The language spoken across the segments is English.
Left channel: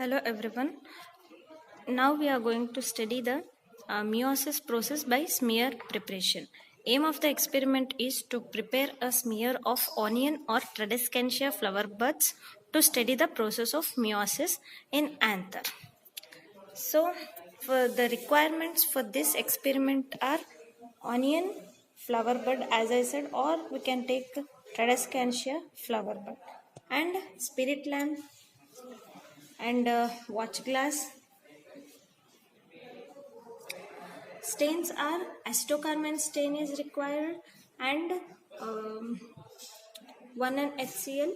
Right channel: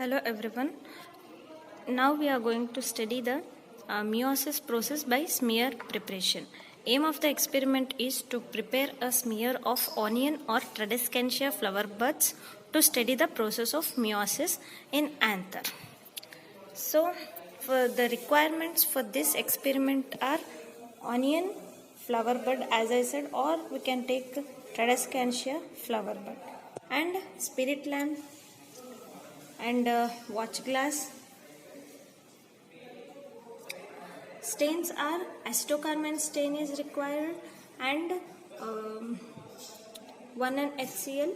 Hello everyone. Now we are going to study the meiosis process by smear preparation. Aim of the experiment is to prepare a smear of onion or Tradescantia flower buds to study the process of meiosis in anther. So for the requirements for this experiment are onion, flower bud as I said, or we can take Tradescantia flower bud, and spirit lamp and watch glass. Stains are acetocarmine stain is required and 1 HCl,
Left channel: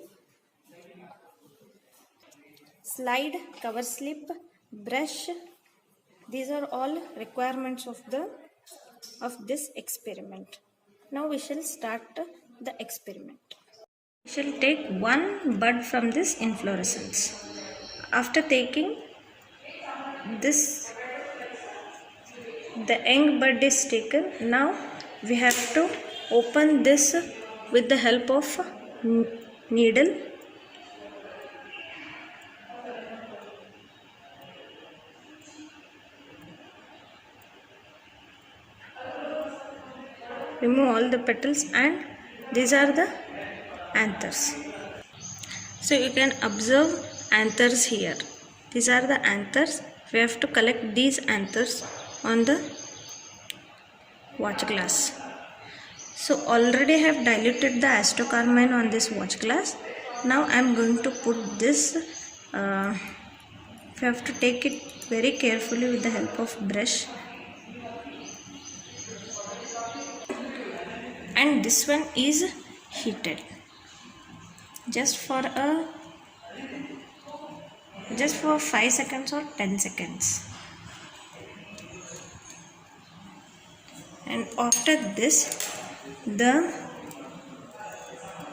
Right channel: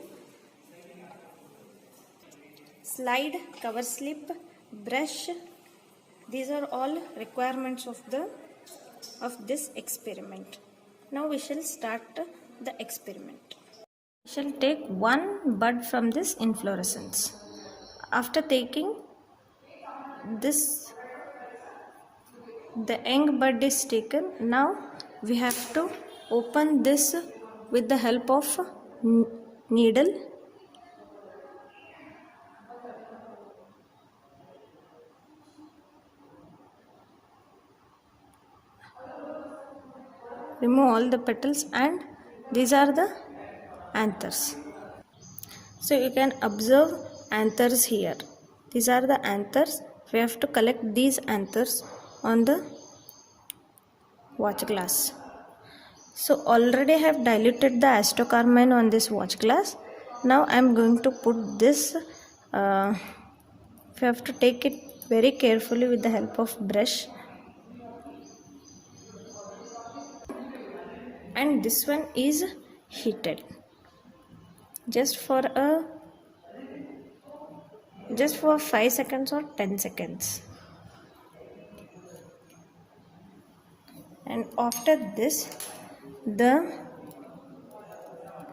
slide, cover slip, brush. These are all requirements of this experiment. Now we shall start the experiment. We shall take one bud from this inflorescence. After taking this, the young bud is taken. Now we have to open this with the help of needle. Remove all the petals, and these are the anthers. So you can observe anthers here. These are the anthers. We have to collect these anthers on the watch glass. So already I have diluted the acetocarmine on this watch glass. Now I am going to put this. We have to take it very carefully with the help of brush. And this one is heated just for 5 seconds or 10 seconds. And after this, the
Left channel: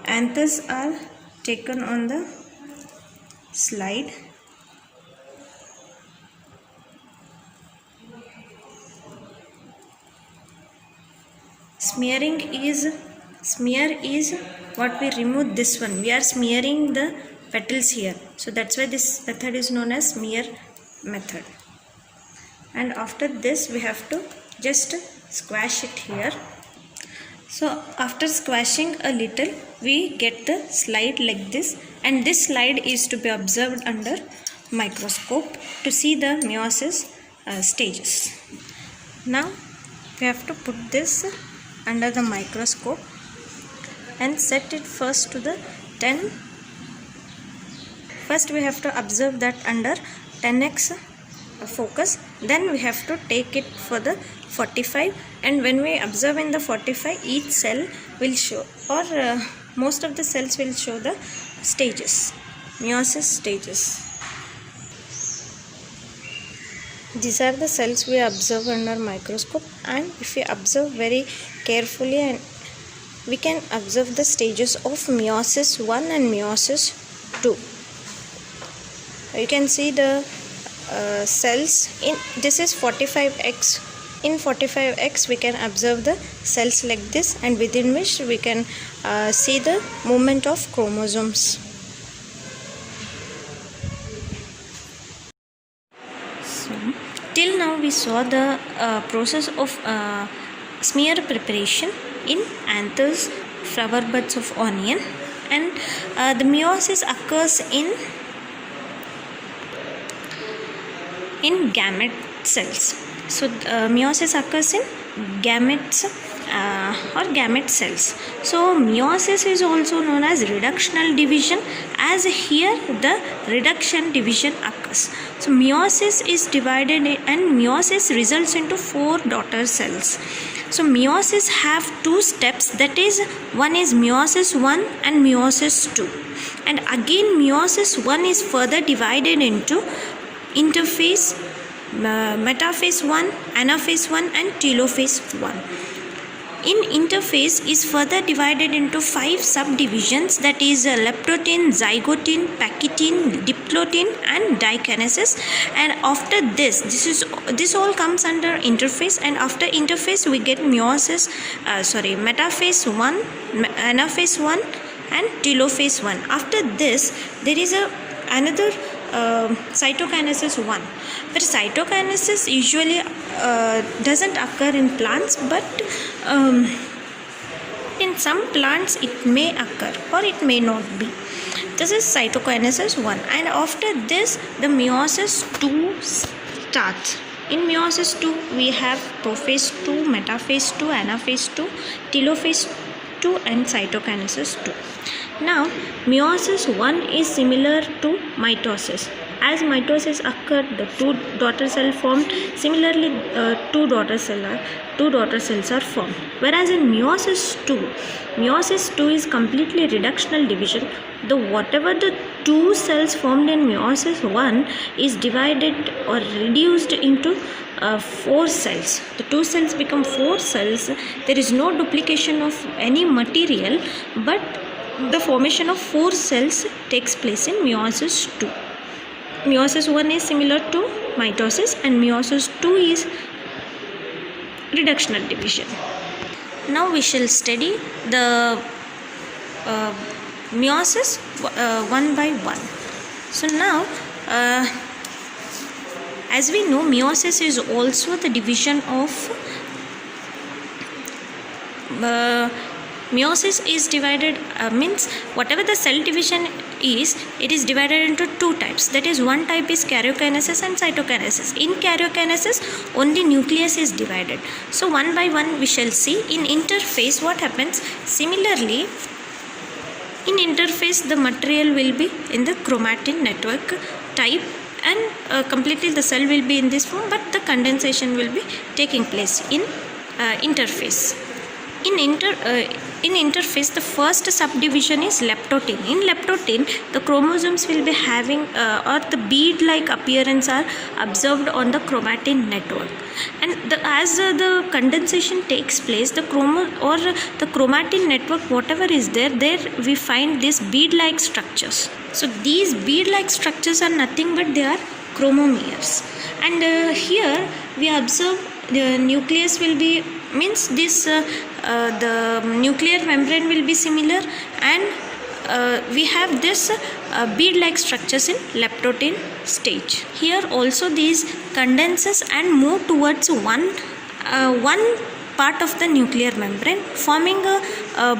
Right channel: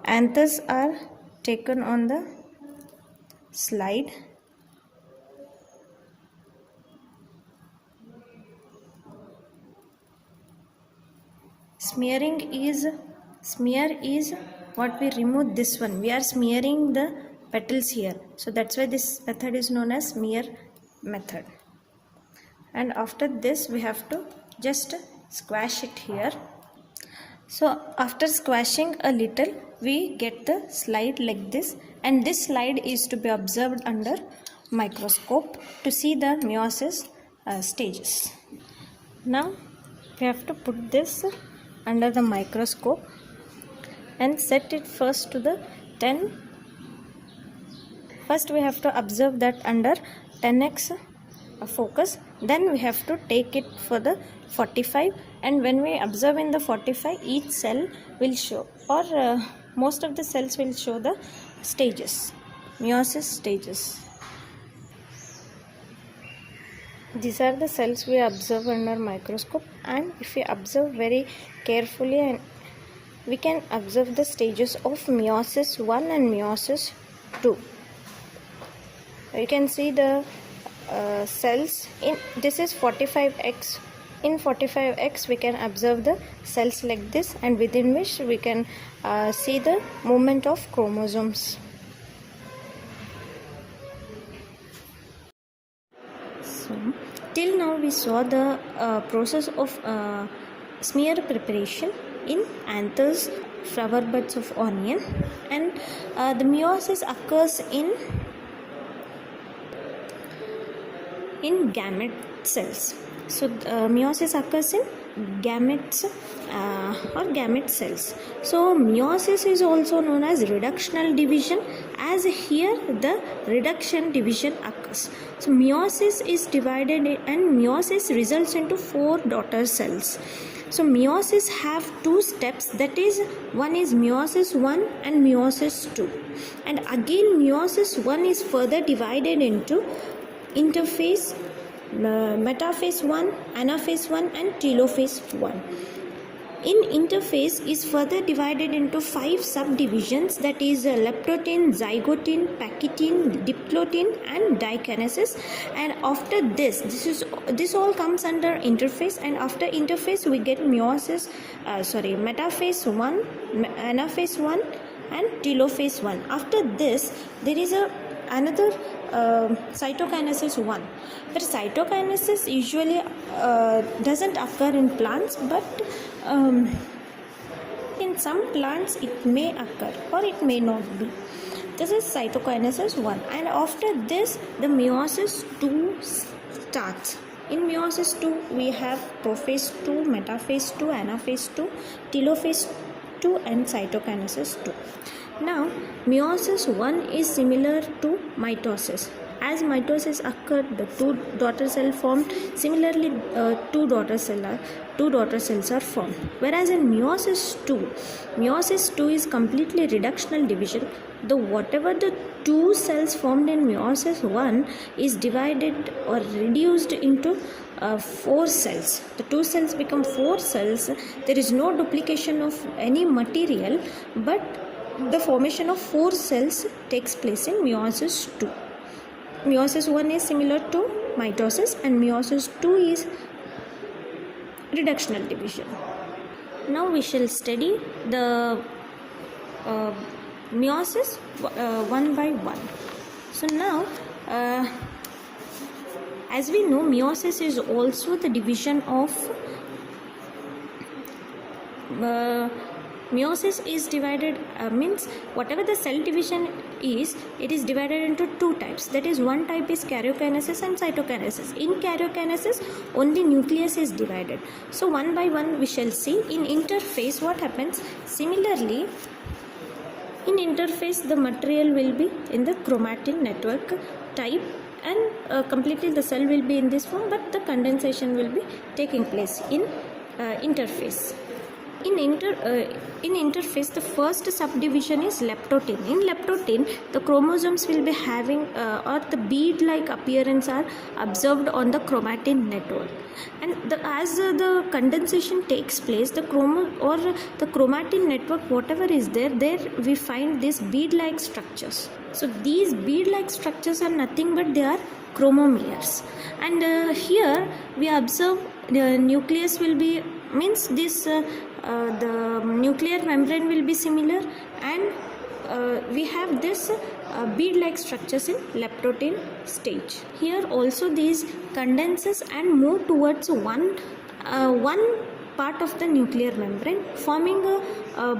anthers are taken on the slide. Smear is what we remove this one. We are smearing the petals here. So that's why this method is known as smear method. And after this we have to just squash it here. So after squashing a little, we get the slide like this, and this slide is to be observed under microscope to see the meiosis stages. Now we have to put this under the microscope and set it first to the 10. First we have to observe that under 10x focus, then we have to take it for the 45, and when we observe in the 45, each cell will show, or most of the cells will show the stages, meiosis stages. These are the cells we observe under microscope, and if we observe very carefully, and we can observe the stages of meiosis 1 and meiosis 2. You can see the cells in this is 45x. In 45x we can observe the cells like this, and within which we can see the movement of chromosomes. So, till now we saw the process of smear preparation in anthers, flower buds of onion, and the meiosis occurs in gamete cells. So meiosis occurs in gametes or gamete cells. So meiosis is also known as reductional division, as here the reduction division occurs. So meiosis is divided and meiosis results into 4 daughter cells. So meiosis have 2 steps, that is, one is meiosis 1 and meiosis 2, and again meiosis 1 is further divided into interphase, metaphase 1, anaphase 1 and telophase 1. In interphase is further divided into 5 subdivisions, that is leptotin, zygotin, pakitin, diplotin and dikinesis. And after this all comes under interphase, and after interphase we get metaphase 1, anaphase 1 and telophase 1. After this there is another cytokinesis 1, where cytokinesis usually doesn't occur in plants, but in some plants it may occur or it may not be. This is cytokinesis 1, and after this the meiosis 2 starts. In meiosis 2 we have prophase 2, metaphase 2, anaphase 2, telophase 2 and cytokinesis 2. Now meiosis 1 is similar to mitosis. As mitosis occurred, the two daughter cell formed. Similarly, two daughter cells are formed. Whereas in meiosis 2 is completely reductional division. Whatever the two cells formed in meiosis 1 is divided or reduced into 4 cells. The 2 cells become 4 cells. There is no duplication of any material, but the formation of 4 cells takes place in meiosis 2. Meiosis 1 is similar to mitosis and meiosis 2 is reductional division. Now we shall study the meiosis one by one. So now as we know, meiosis is also the division of meiosis is divided means whatever the cell division is, it is divided into 2 types. That is, one type is karyokinesis and cytokinesis. In karyokinesis only nucleus is divided. So one by one we shall see. In interphase what happens? Similarly, in interphase the material will be in the chromatin network type, and completely the cell will be in this form, but the condensation will be taking place in interphase. In interphase, the first subdivision is leptotin. In leptotin, the chromosomes will be having or the bead-like appearance are observed on the chromatin network. And as the condensation takes place, the chromatin network, whatever is there we find these bead-like structures. So these bead-like structures are nothing but they are chromomeres. And here we observe the nucleus will be this the nuclear membrane will be similar, and we have this bead-like structures in leptotin stage. Here also these condenses and move towards one part of the nuclear membrane, forming a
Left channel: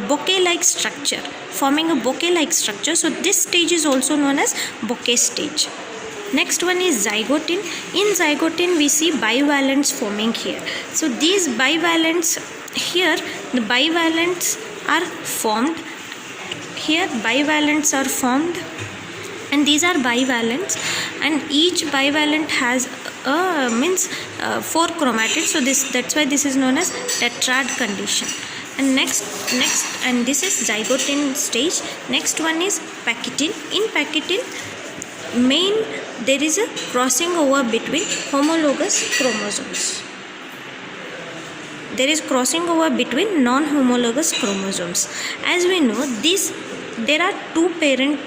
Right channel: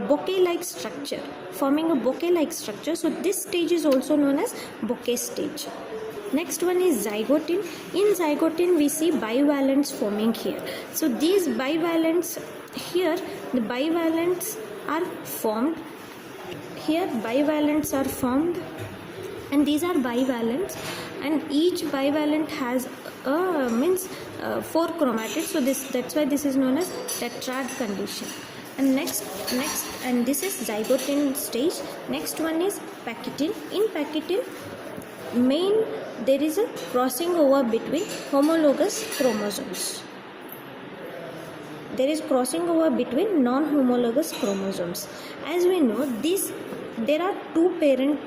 bouquet-like structure. So this stage is also known as bouquet stage. Next one is zygotin. In zygotin we see bivalents forming here. So these bivalents, here the bivalents are formed. Here bivalents are formed, and these are bivalents, and each bivalent has 4 chromatids. So that's why this is known as tetrad condition. And next and this is zygotin stage. Next one is pakitin. In pakitin there is a crossing over between homologous chromosomes. There is crossing over between non-homologous chromosomes. As we know, there are 2 parent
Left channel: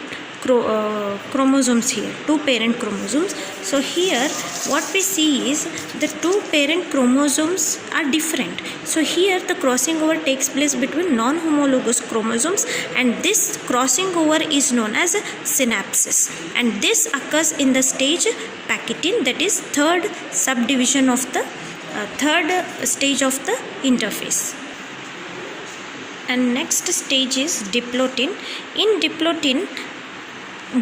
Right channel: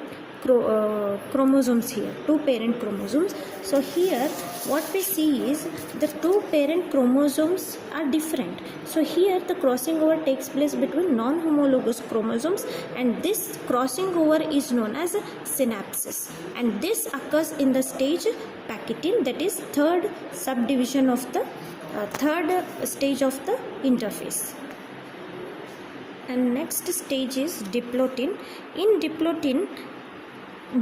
chromosomes here, 2 parent chromosomes. So here what we see is the 2 parent chromosomes are different. So here the crossing over takes place between non-homologous chromosomes, and this crossing over is known as a synapsis, and this occurs in the stage pakitin, that is third subdivision of the third stage of the interphase. And next stage is diplotin. In diplotin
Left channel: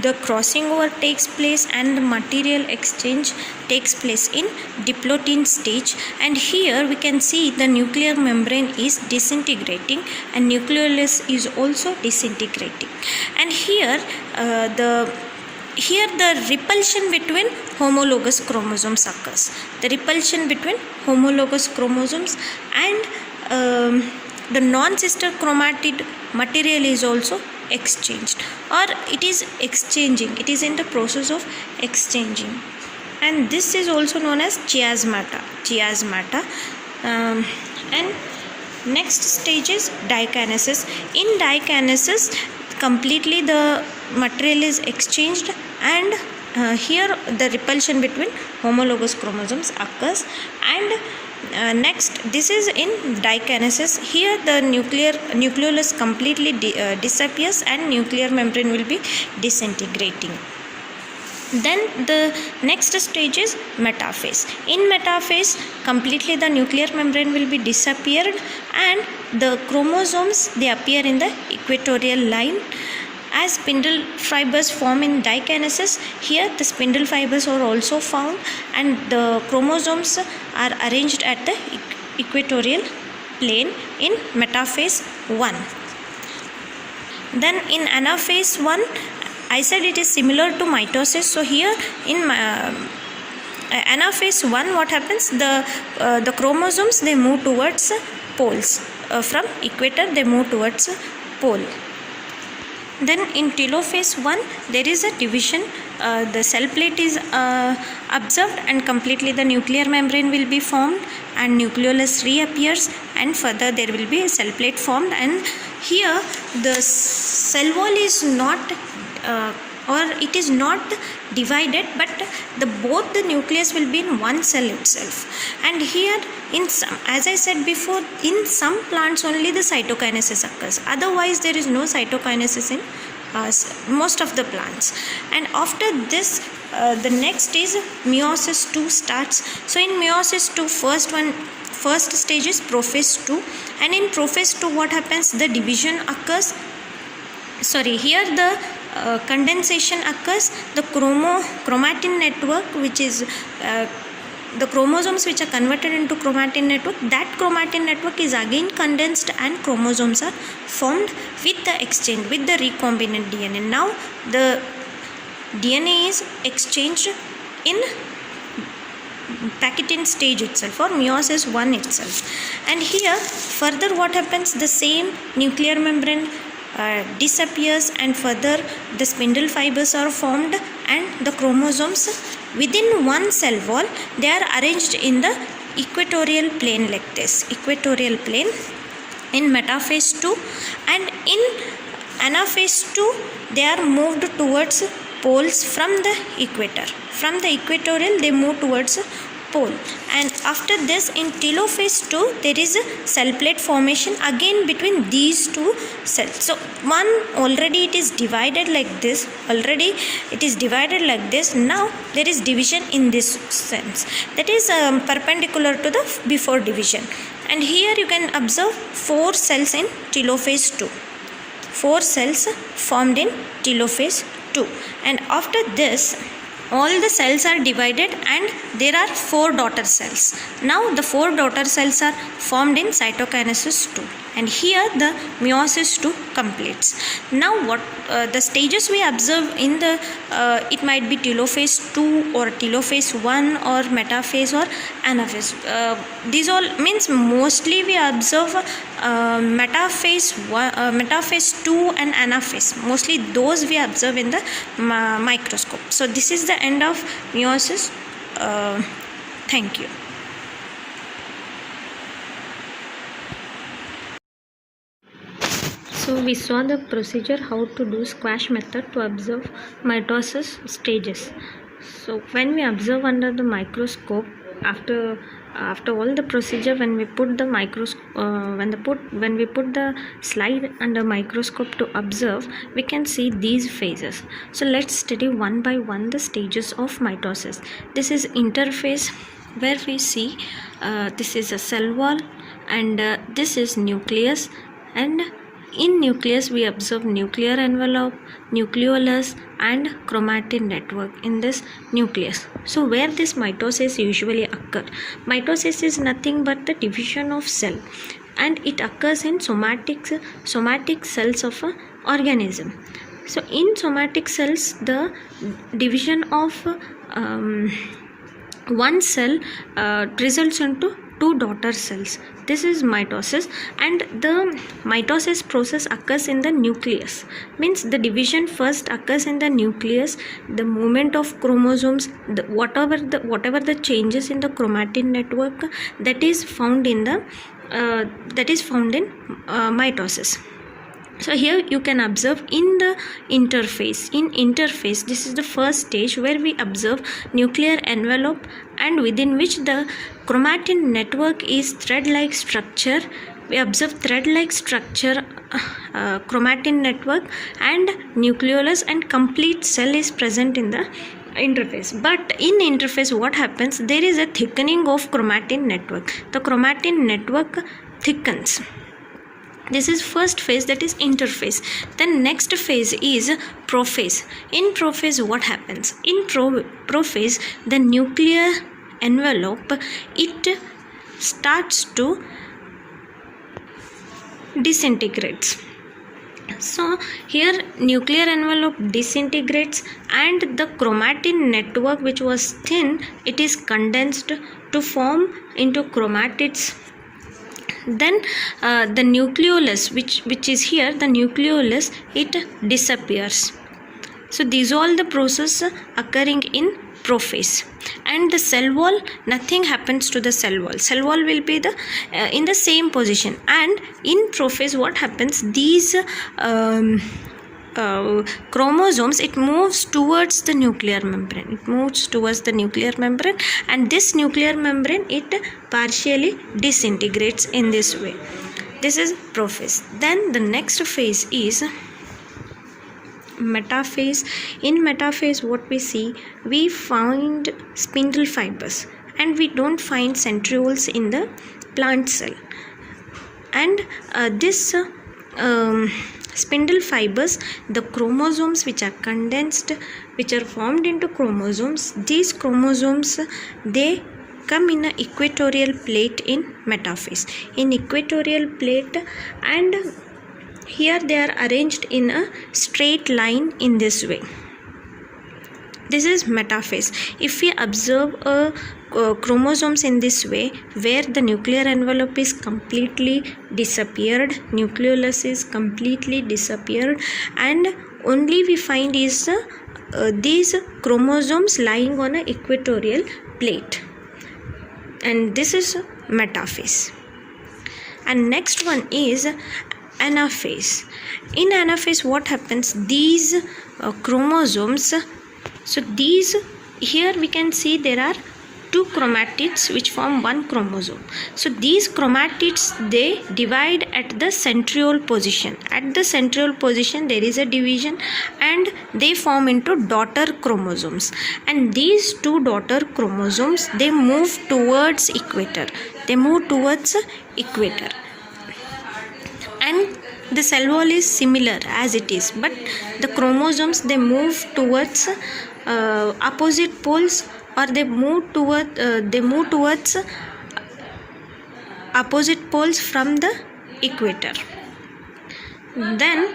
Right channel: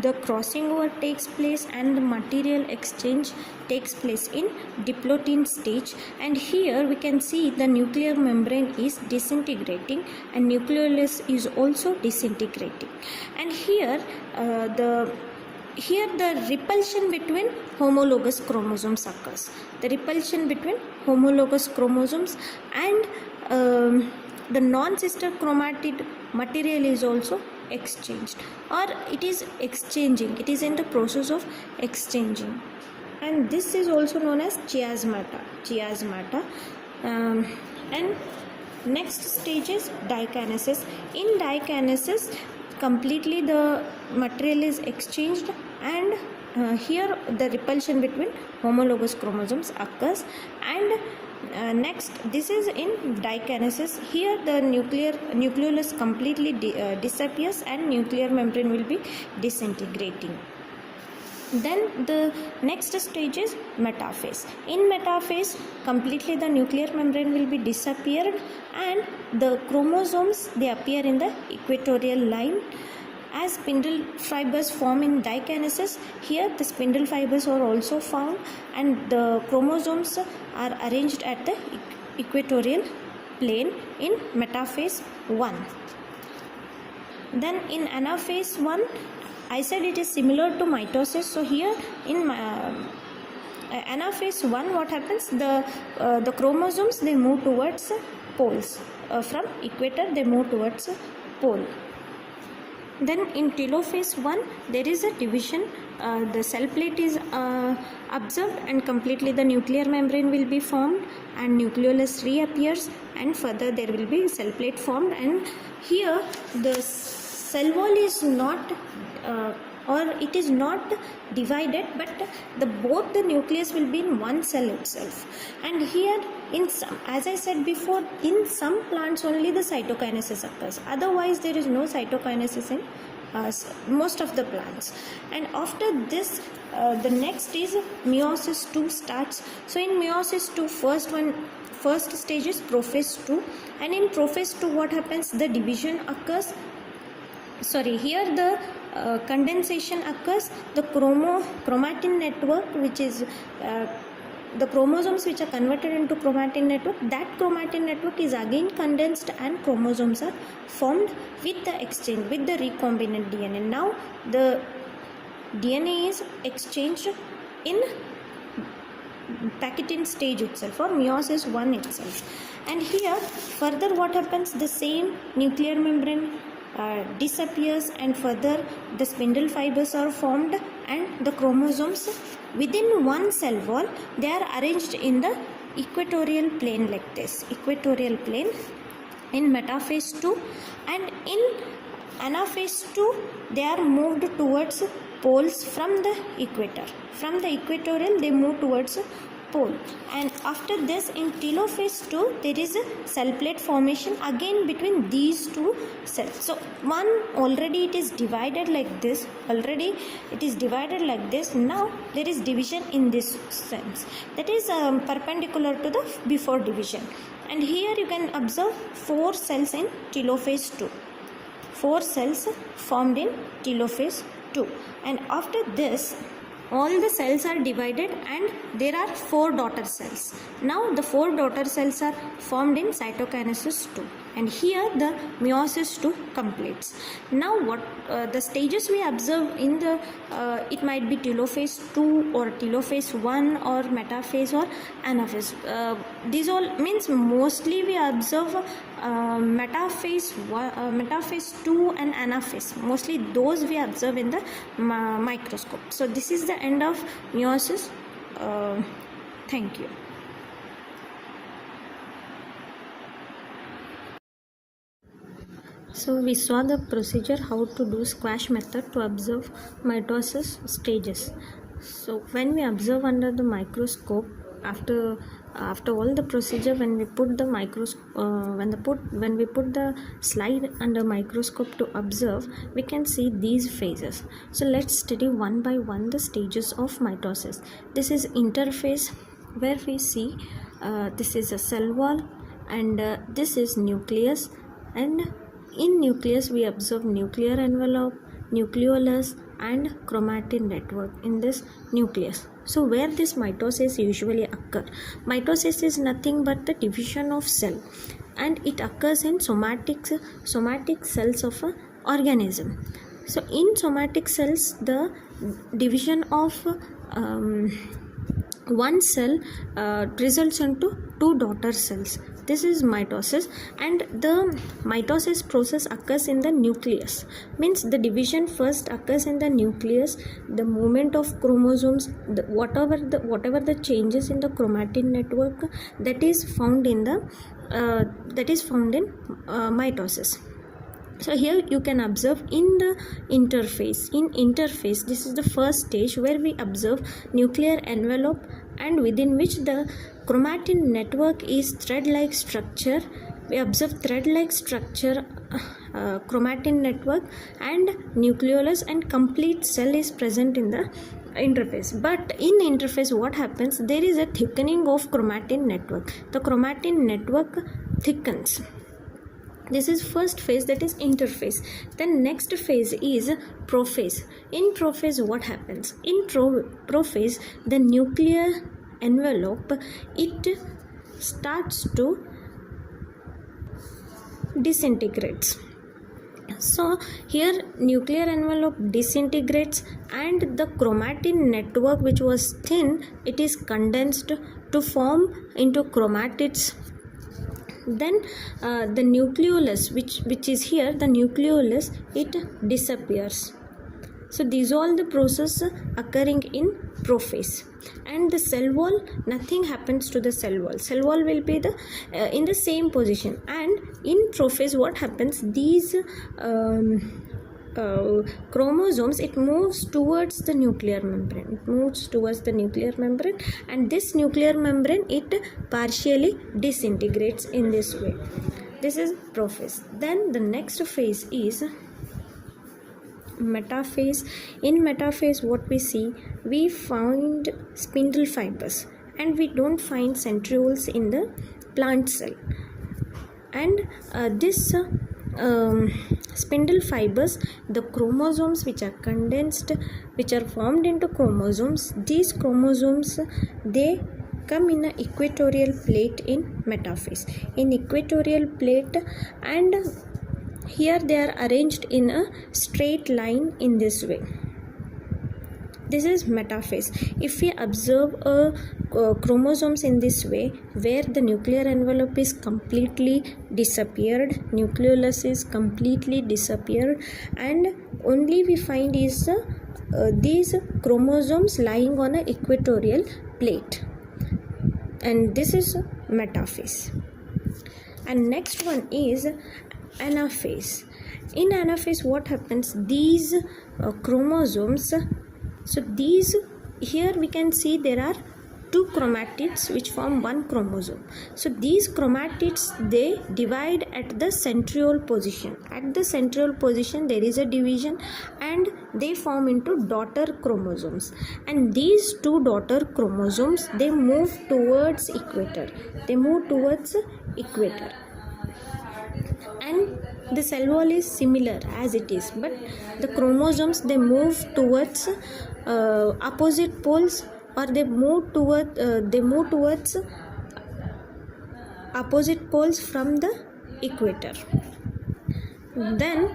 the crossing over takes place and the material exchange takes place in diplotin stage, and here we can see the nuclear membrane is disintegrating and nucleolus is also disintegrating, and here the repulsion between homologous chromosomes occurs. The repulsion between homologous chromosomes and the non-sister chromatid material is also exchanged, or it is exchanging. It is in the process of exchanging, and this is also known as chiasmata. And next stage is dikinesis. In dikinesis, completely the material is exchanged, and here the repulsion between homologous chromosomes occurs. And next, this is in dikinesis. Here the nucleolus completely disappears and nuclear membrane will be disintegrating. Then the next stage is metaphase. In metaphase, completely the nuclear membrane will be disappeared and the chromosomes, they appear in the equatorial line. As spindle fibers form in dikinesis, here the spindle fibers are also found and the chromosomes are arranged at the equatorial plane in metaphase 1. Then in anaphase 1, I said it is similar to mitosis. So here in anaphase 1, what happens? The chromosomes, they move towards poles. From equator, they move towards pole. Then in telophase 1, there is a division. The cell plate is observed and completely the nuclear membrane will be formed and nucleolus reappears, and further there will be a cell plate formed, and here the cell wall is not or it is not divided, but both the nucleus will be in one cell itself. And here in some, as I said before, in some plants only the cytokinesis occurs, otherwise there is no cytokinesis in most of the plants. And after this the next is meiosis 2 starts. So in meiosis 2, first stage is prophase 2, and in prophase 2 what happens? The division occurs. Here the condensation occurs. The chromatin network, which is the chromosomes which are converted into chromatin network, that chromatin network is again condensed and chromosomes are formed with the exchange, with the recombinant DNA. Now the DNA is exchanged in Packetin stage itself, or meiosis 1 itself. And here further what happens? The same nuclear membrane disappears and further the spindle fibers are formed and the chromosomes within one cell wall, they are arranged in the equatorial plane like this, equatorial plane in metaphase 2. And in anaphase 2, they are moved towards poles from the equator. From the equatorial, they move towards pole. And after this, in telophase 2, there is a cell plate formation again between these two cells. So one, already it is divided like this, now there is division in this sense, that is perpendicular to the before division. And here you can observe 4 cells in telophase 2, 4 cells formed in telophase 2. And after this, all the cells are divided and there are 4 daughter cells. Now the 4 daughter cells are formed in cytokinesis 2, and here the meiosis 2 completes. Now what the stages we observe in the it might be telophase 2 or telophase 1 or metaphase or anaphase. These all means mostly we observe metaphase 2 and anaphase. Mostly those we observe in the microscope. So this is the end of meiosis. Thank you. So we saw the procedure how to do squash method to observe mitosis stages. So when we observe under the microscope, after all the procedure, when we put the when we put the slide under microscope to observe, we can see these phases. So let's study one by one the stages of mitosis. This is interphase, where we see this is a cell wall and this is nucleus, and in nucleus we observe nuclear envelope, nucleolus and chromatin network in this nucleus. So where this mitosis usually occur? Mitosis is nothing but the division of cell, and it occurs in somatic cells of an organism. So in somatic cells, the division of one cell results into 2 daughter cells. This is mitosis, and the mitosis process occurs in the nucleus. Means the division first occurs in the nucleus. The movement of chromosomes, whatever the changes in the chromatin network, that is found in mitosis. So here you can observe in the interphase. In interphase, this is the first stage where we observe nuclear envelope, and within which the chromatin network is thread-like structure. We observe thread-like structure, chromatin network and nucleolus, and complete cell is present in the interphase. But in interphase what happens, there is a thickening of chromatin network. The chromatin network thickens. This is first phase, that is interphase. Then next phase is prophase. In prophase what happens, in prophase the nuclear envelope, it starts to disintegrates. So here nuclear envelope disintegrates and the chromatin network, which was thin, it is condensed to form into chromatids. Then the nucleolus, which is here, the nucleolus, it disappears. So these all the process occurring in prophase. And the cell wall, nothing happens to the cell wall. Cell wall will be the in the same position. And in prophase what happens, these chromosomes, it moves towards the nuclear membrane. It moves towards the nuclear membrane, and this nuclear membrane, it partially disintegrates in this way. This is prophase. Then the next phase is metaphase. In metaphase what we see, we find spindle fibers and we don't find centrioles in the plant cell. And this spindle fibers, the chromosomes which are condensed, which are formed into chromosomes, these chromosomes, they come in an equatorial plate in metaphase. In equatorial plate, and here they are arranged in a straight line in this way. This is metaphase. If we observe chromosomes in this way, where the nuclear envelope is completely disappeared, nucleolus is completely disappeared, and only we find is these chromosomes lying on an equatorial plate, and this is metaphase. And next one is anaphase. In anaphase what happens, these chromosomes, so these, here we can see there are two chromatids which form one chromosome. So these chromatids, they divide at the centriole position. At the centriole position there is a division and they form into daughter chromosomes, and these two daughter chromosomes, they move towards equator. They move towards equator, and the cell wall is similar as it is, but the chromosomes, they move towards opposite poles, or they move towards opposite poles from the equator. Then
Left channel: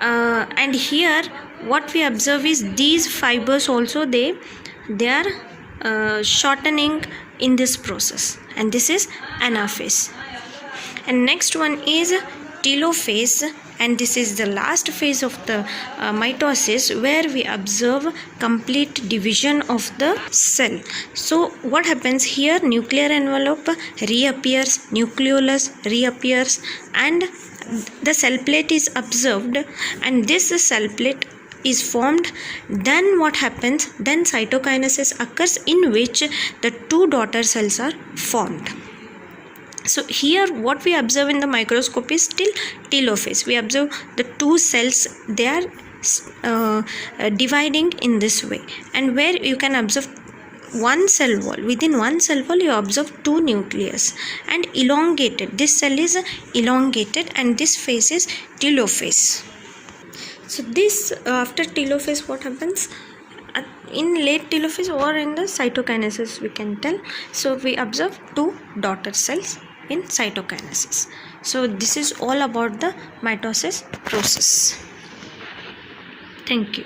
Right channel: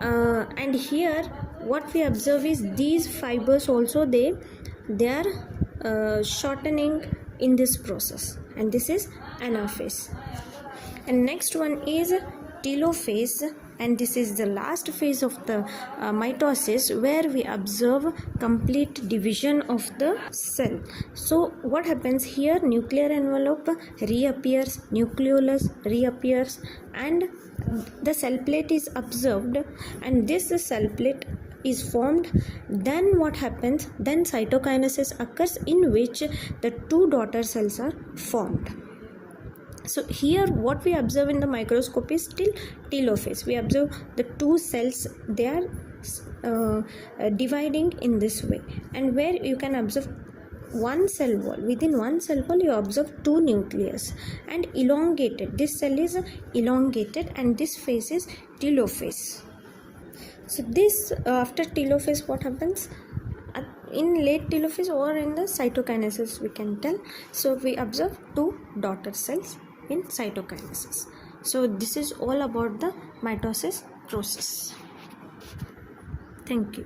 and here what we observe is these fibers also, they are shortening in this process, and this is anaphase. And next one is telophase, and this is the last phase of the mitosis, where we observe complete division of the cell. So what happens here, nuclear envelope reappears, nucleolus reappears, and the cell plate is observed, and this cell plate is formed. Then what happens, then cytokinesis occurs, in which the two daughter cells are formed. So here what we observe in the microscope is still telophase. We observe the two cells, they are dividing in this way, and where you can observe one cell wall. Within one cell wall you observe two nucleus and elongated. This cell is elongated, and this phase is telophase. So this after telophase what happens? In late telophase or in the cytokinesis we can tell. So we observe two daughter cells in cytokinesis. So this is all about the mitosis process. Thank you.